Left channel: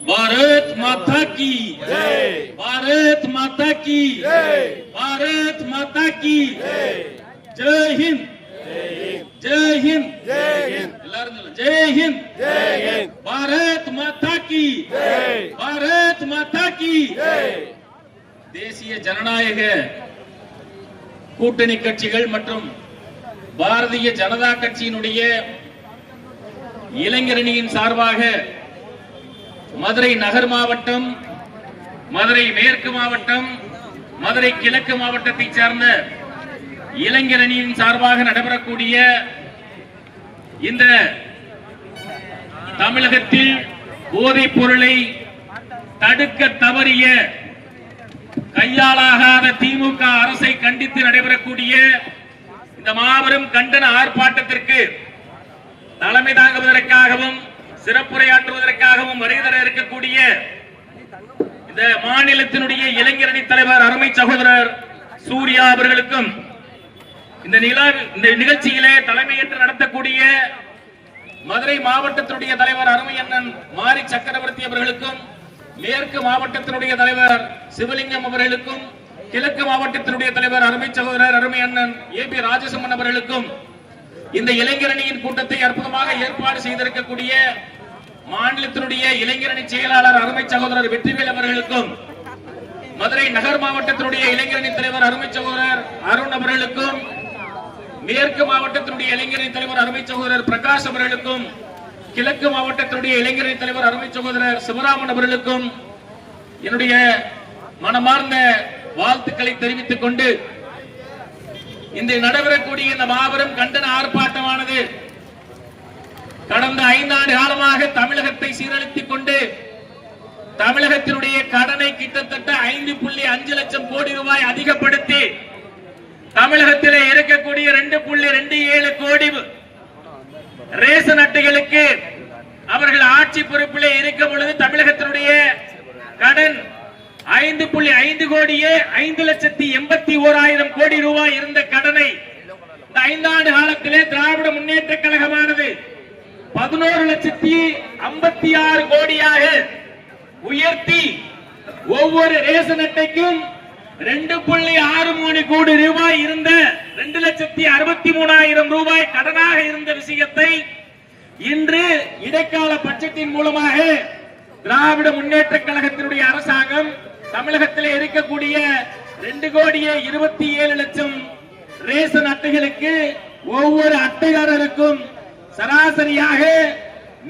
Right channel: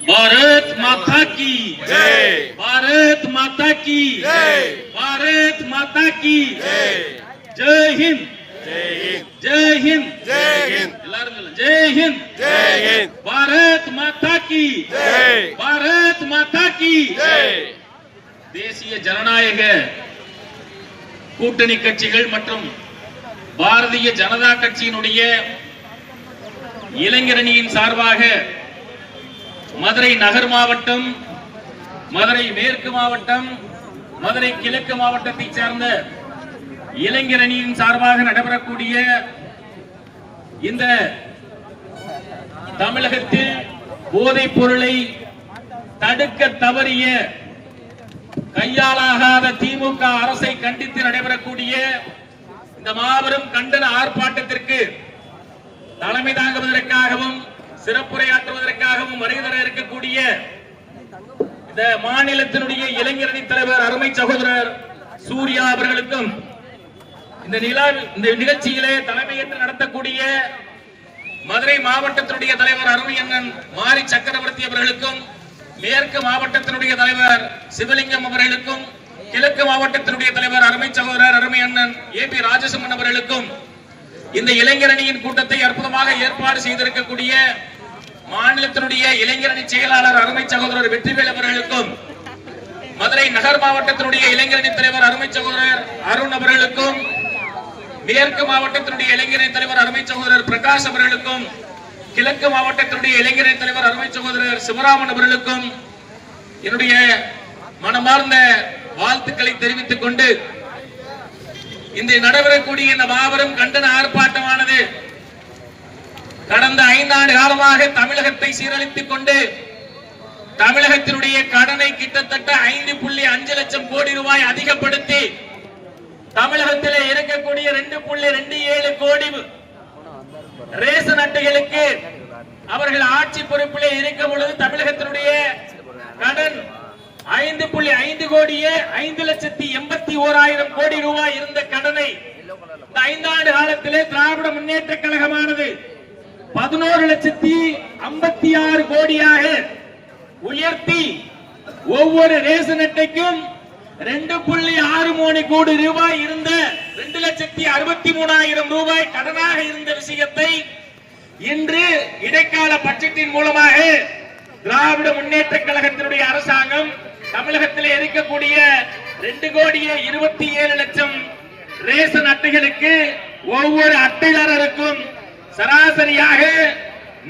भारत माता की जय, भारत माता की जय, भारत माता की जय, जय हिंद, जय हिंद, जय हिंद, जय हिंद, जय हिंद, जय हिंद, भारत माता की जय, भारत माता की जय. தேசிய ஜனநாயக கூட்டணி கட்சிகள் மற்றும் பாரதிய ஜனதா கட்சியினுடைய இளைஞரணியின் சார்பாக மதுரை நகர் மாவட்டம், மதுரை மேற்கு மாவட்டம், மதுரை கிழக்கு மாவட்டத்தை சார்ந்த இளைஞரணியின் சார்பாக நடைபெறக்கூடிய இந்த தமிழகத்தில் போதைப் பொருளை தடுக்க தவறிய கையாளாகாத திமுக அரசை கண்டித்து நடைபெறக்கூடிய இந்த மாபெரும் கண்டன ஆர்ப்பாட்டத்திற்கு தலைமை தாங்குவதற்காகவும் சிறப்புரையாற்றுவதற்காகவும் வருகை இருக்கக்கூடிய இந்த மாநிலத்தினுடைய இளைஞரணி தலைவர் அருமை சகோதரர் சூர்யா அவர்களுக்கும், இந்த நிகழ்ச்சியிலே தலைமையேற்று நடத்தக்கூடிய மதுரை மாவட்டத்தினுடைய தலைவர் அருமை அண்ணன் மாரி சக்கரவர்த்தி அவர்களுக்கும், மேற்கு மாவட்டத்தினுடைய தலைவர் சிவலிங்கம் அவர்களுக்கும், கிழக்கு மாவட்டத்தினுடைய தலைவர் அருமை சகோதரர் அருமை அண்ணன் ஏபி ராஜசிம்மன் அவர்களுக்கும், இந்த இளைஞரணியின் கூட்டத்தை அற்புதமாக ஏற்பாடு செய்திருக்கக்கூடிய மாநிலத்தினுடைய இளைஞரணி செயலாளர் அருமை சகோதரர் வெற்றிவேல் அவர்களுக்கும், மதுரை நகர் மாவட்டத்தினுடைய இளைஞரணி தலைவர் அருமை சகோதரர் அருண் அவர்களுக்கும், மேற்கு மாவட்டத்தினுடைய இளைஞரணி தலைவர் அருமை சகோதரர் பிரகாஷ் அவர்களுக்கும், கிழக்கு மாவட்டத்தினுடைய இளைஞரணி தலைவர் அருமை சகோதரர் சிவராமன் அவர்களுக்கும் என்னுடைய மனமார்ந்த வாழ்த்துக்களை தெரிவித்துக் கொண்டு, இந்த நடைபெறக்கூடிய இந்த மாபெரும் கண்டன ஆர்ப்பாட்டமானது கடந்த 5 ஆண்டு காலமாக தமிழகத்தை சீரழித்துக் கொண்டு தமிழகத்தினுடைய கடனை கிட்டத்தட்ட 5.5 லட்சம் கோடி ரூபாய் அதிகப்படுத்தி தமிழகத்திலே இருக்கக்கூடிய 2.27 கோடி ரேஷன் அட்டைகளுக்கு அவர்கள் ஆட்சி பொறுப்பிலே இருக்கும் பொழுது தமிழகத்தினுடைய கடன் 5.5 கோடியே 5,81,000 கோடி ரூபாய் இருந்த கடனை இந்த 5 ஆண்டு காலத்திலே திராவிட முன்னேற்ற கழகமானது 11,56,000 கோடியாக உயர்த்தி ஒவ்வொரு ரேஷன் அட்டைக்கும் 2.63 கோடி ரூபாய் இருந்த 2,63,000 ரூபாய் கடனாக இருந்த விஷயத்தை இன்று இடைக்கால பட்ஜெட்டின் மூலமாக திராவிட முன்னேற்ற கழகத்தினுடைய அரசாங்கம் தமிழகத்தில் இருக்கக்கூடிய 2,27,00,000 ரேஷன் அட்டைகளுக்கு ஒவ்வொரு அட்டைதாரருக்கும் சராசரியாக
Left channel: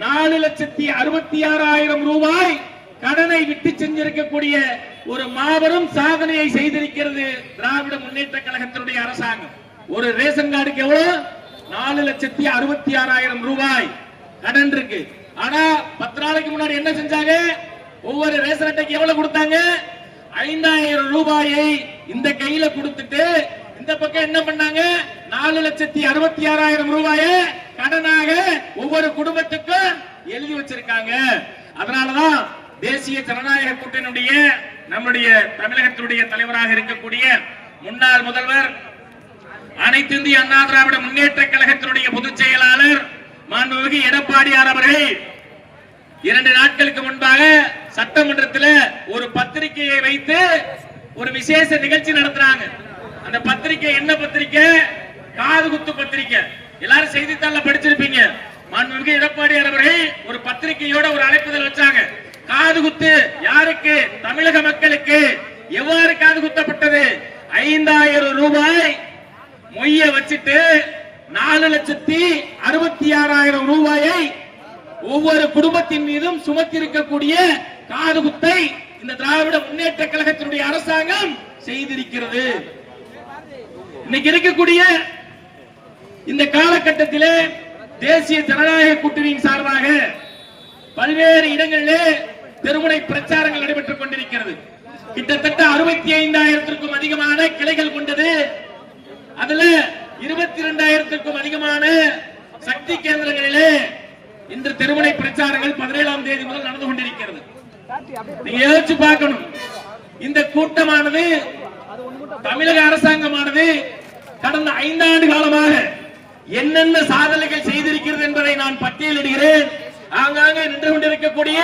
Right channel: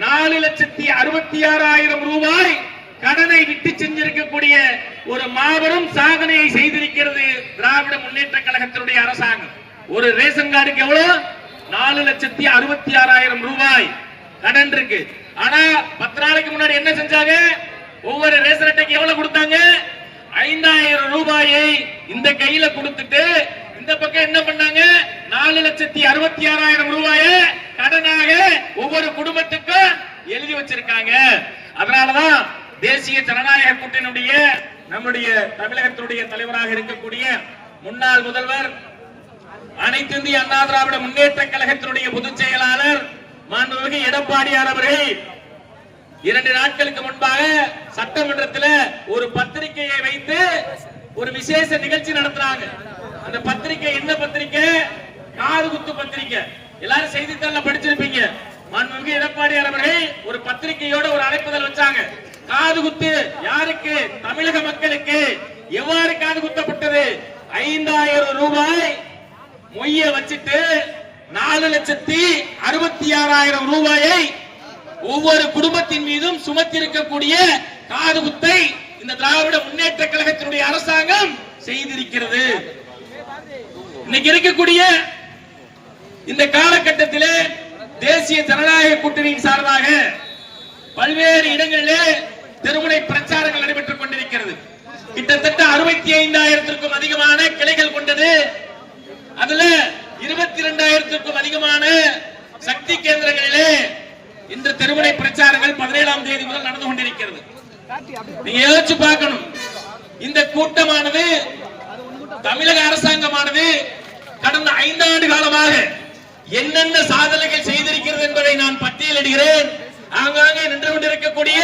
4,66,000 ரூபாய் கடனை விட்டு செஞ்சிருக்கக்கூடிய ஒரு மாபெரும் சாதனையை செய்திருக்கிறது திராவிட முன்னேற்ற கழகத்தினுடைய அரசாங்கம். ஒரு ரேஷன் கார்டுக்கு எவ்வளவு? 4,66,000 ரூபாய் கடன் இருக்கு. ஆனா 10 நாளைக்கு முன்னாடி என்ன செஞ்சாங்க? ஒவ்வொரு ரேஷன் அட்டைக்கு எவ்வளவு கொடுத்தாங்க? 5,000 ரூபாயை இந்த கையில கொடுத்துட்டு இந்த பக்கம் என்ன பண்ணாங்க? 4,66,000 ரூபாயை கடனாக ஒவ்வொரு குடும்பத்துக்கும் எழுதி வச்சிருக்காங்க. அதனாலதான் தேசிய ஜனநாயக கூட்டணியுடைய நம்முடைய தமிழகத்தினுடைய தலைவராக இருக்கக்கூடிய முன்னாள் முதல்வர், அனைத்து இந்திய அண்ணா திராவிட முன்னேற்ற கழகத்தினுடைய பொதுச் செயலாளர் மாண்புமிகு எடப்பாடியார் அவர்கள் 2 நாட்களுக்கு முன்பாக சட்டமன்றத்தில் ஒரு பத்திரிகையை வைத்து ஒரு விசேஷ நிகழ்ச்சி நடத்துறாங்க. அந்த பத்திரிகை என்ன பத்திரிகை? காது குத்து பத்திரிகை. எல்லாரும் செய்தித்தாள படிச்சிருப்பீங்க. மாண்புமிகு எடப்பாடியார் அவர்கள் ஒரு பத்திரிகையோட ஒரு அழைப்புதல் வச்சாங்க. காது குத்து யாருக்கு? தமிழக மக்களுக்கு. எவ்வாறு காது குத்தப்பட்டது? 5,000 ரூபாய் மொய்ய வச்சுட்டு 4,66,000 ரூபாயை ஒவ்வொரு குடும்பத்தின் மீதும் சுமத்திருக்கக்கூடிய காது குத்தை இந்த திராவிட முன்னேற்ற கழகத்தினுடைய அரசாங்கம் செய்திருக்கிறது. இன்னைக்கு இருக்கக்கூடிய இந்த காலகட்டத்திலே தேசிய ஜனநாயக கூட்டணியின் சார்பாக பல்வேறு இடங்களிலே தெருமுனை பிரச்சாரங்கள் நடைபெற்றுக் கொண்டிருக்கிறது. கிட்டத்தட்ட 65,000க்கும் அதிகமான கிளைகள் கொண்டது. அதுல 22,000க்கும் அதிகமான சக்தி கேந்திரங்களிலே இன்று தெருமுனை பிரச்சாரங்கள் 17ஆம் தேதி முதல் நடந்து கொண்டிருக்கிறது. நீங்க யோசிச்சு பார்க்கணும். இந்த கூட்டமானது தமிழக அரசாங்கமானது கடந்த 5 ஆண்டு காலமாக என்னென்ன சாதனைகள் செய்திருக்கிறது என்பதை நான் பட்டியலிடுகிறேன். ஆங்காங்கே நின்று கொண்டிருக்கக்கூடிய